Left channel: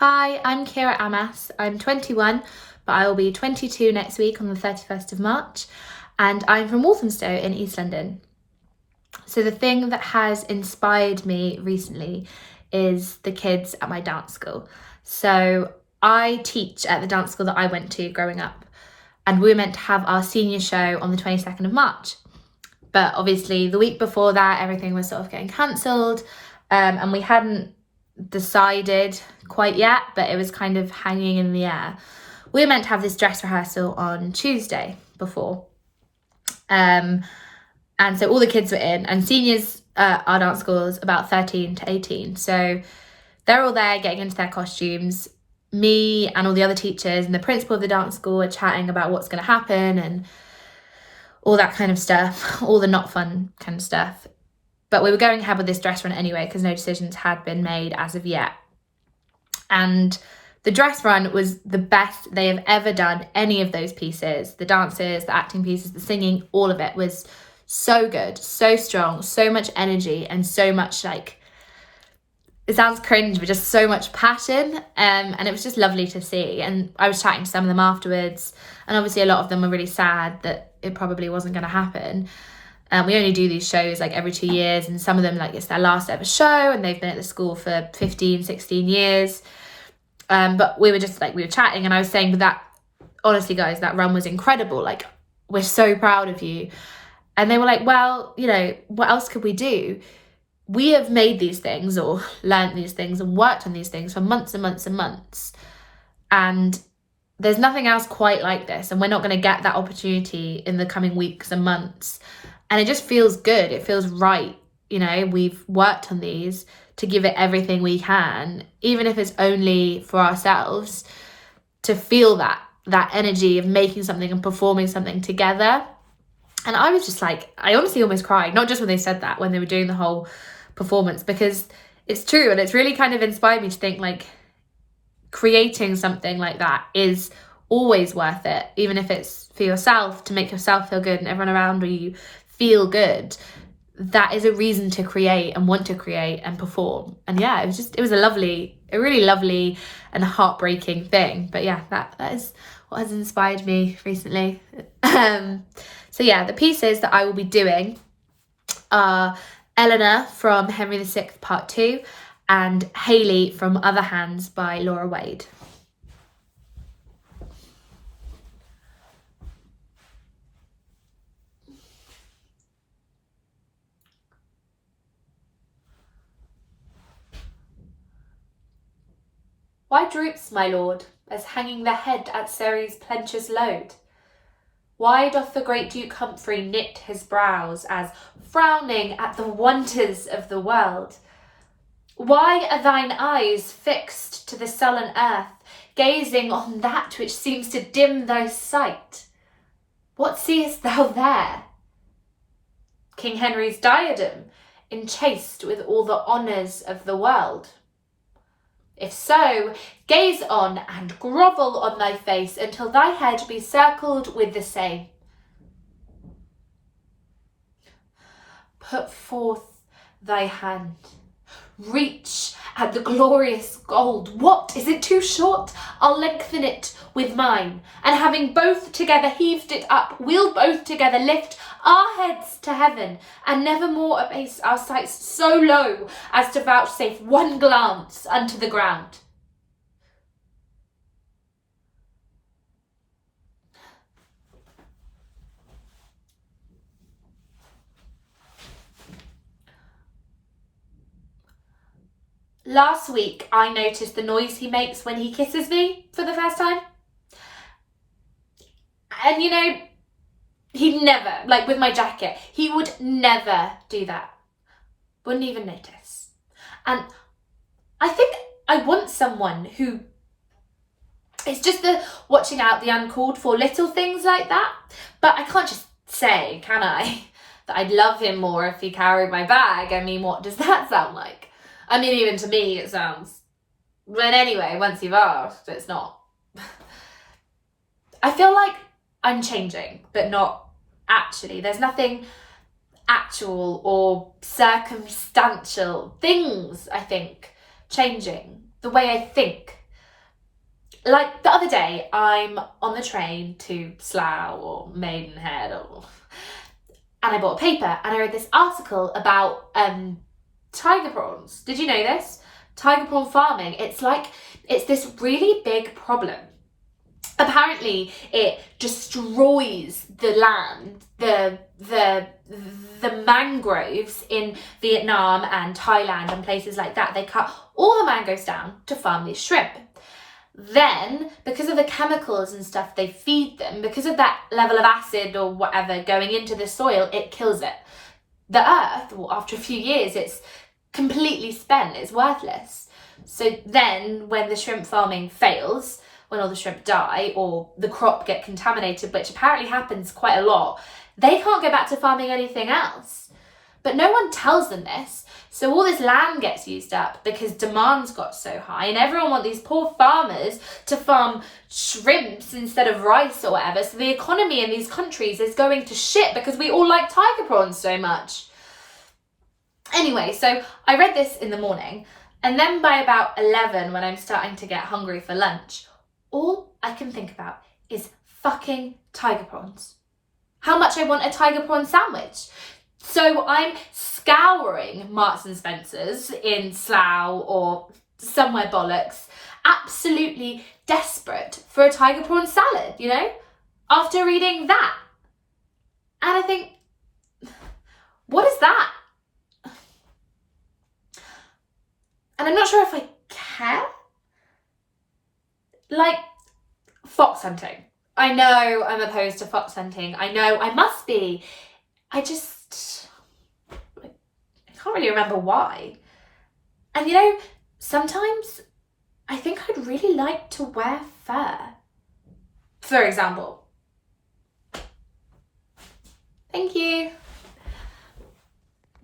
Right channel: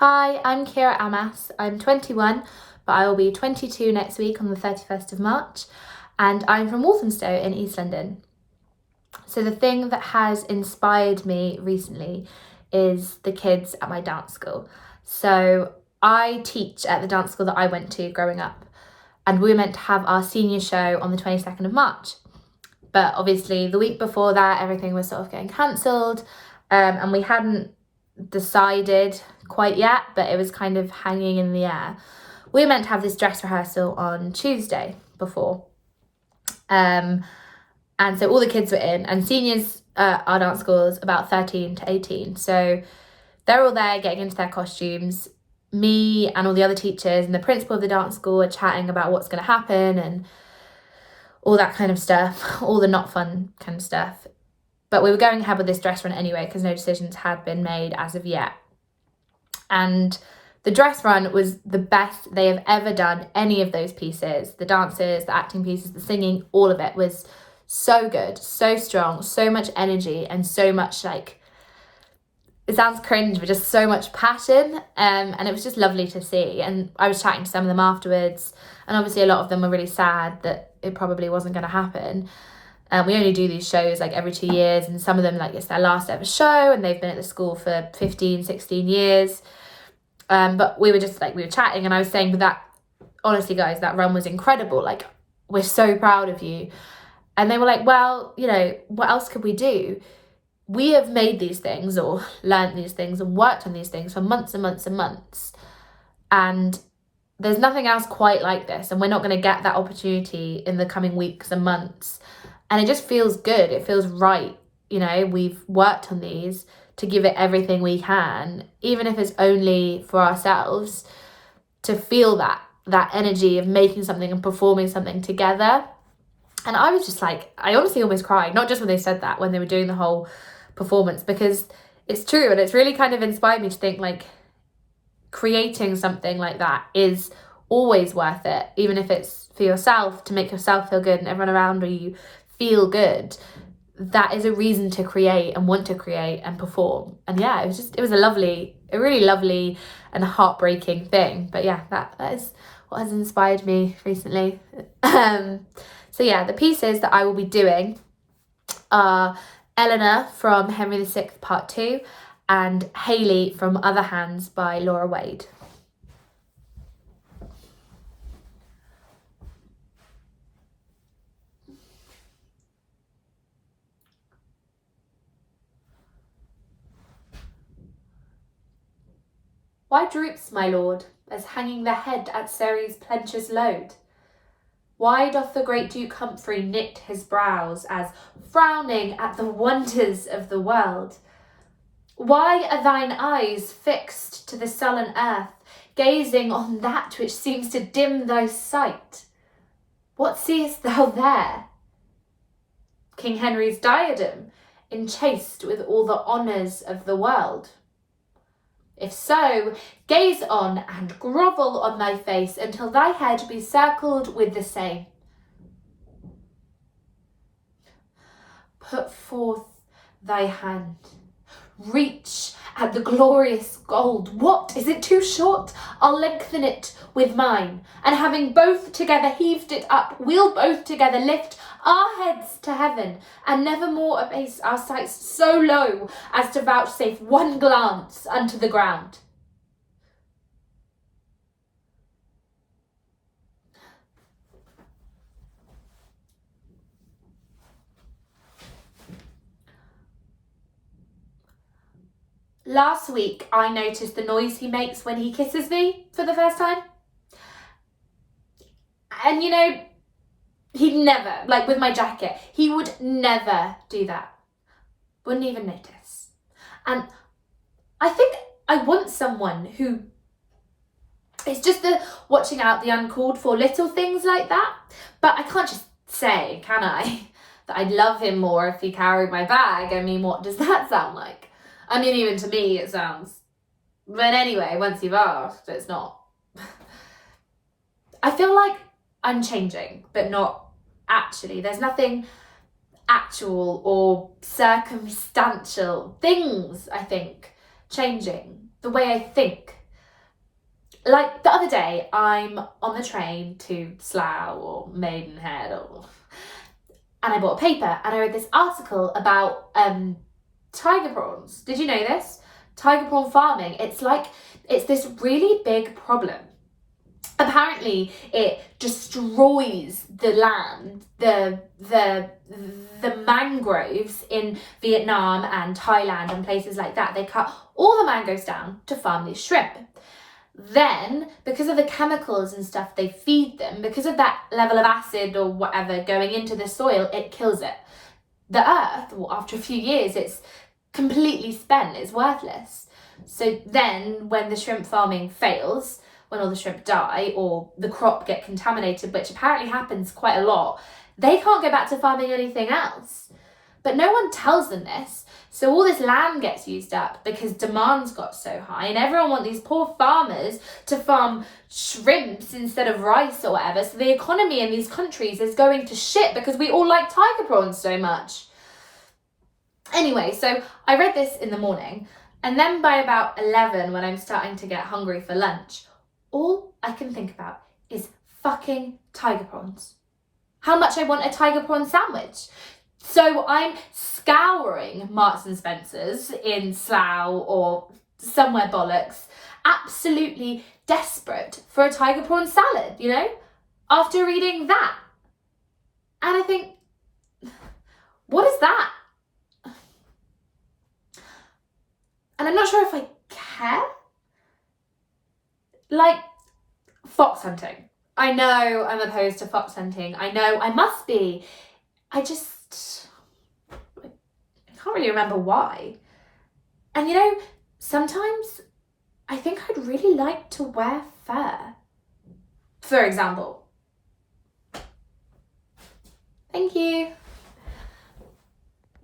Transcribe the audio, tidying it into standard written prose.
Hi, I'm Ciara Amas. I'm 21, but I will be 22 next week on the 31st of March, and I'm from Walthamstow in East London. So the thing that has inspired me recently is the kids at my dance school. So I teach at the dance school that I went to growing up, and we were meant to have our senior show on the 22nd of March. But obviously the week before that, everything was sort of getting cancelled, and we hadn't decided quite yet, but it was kind of hanging in the air. We were meant to have this dress rehearsal on Tuesday before. And so all the kids were in, and seniors at our dance school is about 13 to 18. So they're all there getting into their costumes. Me and all the other teachers and the principal of the dance school are chatting about what's going to happen and all that kind of stuff, all the not fun kind of stuff. But we were going ahead with this dress run anyway because no decisions had been made as of yet. And the dress run was the best they have ever done any of those pieces. The dances, the acting pieces, the singing, all of it was so good, so strong, so much energy and so much it sounds cringe, but just so much passion. And it was just lovely to see. And I was chatting to some of them afterwards, and obviously a lot of them were really sad that it probably wasn't going to happen. We only do these shows every 2 years, and some of them it's their last ever show and they've been at the school for 15, 16 years. But we were just we were chatting, and I was saying that honestly, guys, that run was incredible. We're so proud of you. And they were like, well, what else could we do? We have made these things or learned these things and worked on these things for months and months and months. And there's nothing else quite like this. And we're not going to get that opportunity in the coming weeks and months. And it just feels good. It feels right. We've worked on these to give it everything we can, even if it's only for ourselves, to feel that energy of making something and performing something together. And I was just I honestly almost cried, not just when they said that, when they were doing the whole performance, because it's true. And it's really kind of inspired me to think creating something like that is always worth it, even if it's for yourself, to make yourself feel good and everyone around you feel good. That is a reason to create and want to create and perform. And yeah, it was a really lovely and heartbreaking thing. But yeah, that is what has inspired me recently. So yeah, the pieces that I will be doing are Eleanor from Henry VI Part 2 and Hailey from Other Hands by Laura Wade. Why droops my lord, as hanging the head at Ceres' plenteous load? Why doth the great Duke Humphrey knit his brows, as frowning at the wonders of the world? Why are thine eyes fixed to the sullen earth, gazing on that which seems to dim thy sight? What seest thou there? King Henry's diadem, enchased with all the honours of the world. If so, gaze on and grovel on thy face until thy head be circled with the same. Put forth thy hand. Reach at the glorious gold. What, is it too short? I'll lengthen it with mine, and having both together heaved it up, we'll both together lift our heads to heaven, and nevermore abase our sights so low as to vouchsafe one glance unto the ground. Last week, I noticed the noise he makes when he kisses me for the first time. And he'd never, with my jacket, he would never do that. Wouldn't even notice. And I think I want someone who is just watching out the uncalled for little things like that. But I can't just say, can I, that I'd love him more if he carried my bag. I mean, what does that sound like? I mean, even to me it sounds, but anyway, once you've asked, it's not. I feel like I'm changing, but not actually. There's nothing actual or circumstantial things, I think, changing. The way I think, Like the other day, I'm on the train to Slough or Maidenhead, and I bought a paper and I read this article about tiger prawns. Did you know this? Tiger prawn farming. It's this really big problem. Apparently, it destroys the land, the mangroves in Vietnam and Thailand and places like that. They cut all the mangroves down to farm these shrimp. Then, because of the chemicals and stuff they feed them, because of that level of acid or whatever going into the soil, it kills it. The earth, well, after a few years, it's completely spent, it's worthless. So then when the shrimp farming fails, when all the shrimp die or the crop get contaminated, which apparently happens quite a lot, they can't go back to farming anything else. But no one tells them this. So all this land gets used up because demand's got so high, and everyone wants these poor farmers to farm shrimps instead of rice or whatever. So the economy in these countries is going to shit because we all like tiger prawns so much. Anyway, so I read this in the morning, and then by about 11, when I'm starting to get hungry for lunch, all I can think about is fucking tiger prawns. How much I want a tiger prawn sandwich. So I'm scouring Marks and Spencer's in Slough or somewhere bollocks, absolutely desperate for a tiger prawn salad, you know, after reading that. And I think, what is that? And I'm not sure if I care. Like, fox hunting. I know I'm opposed to fox hunting. I know I must be. I can't really remember why. And you know, sometimes I think I'd really like to wear fur. For example. Thank you.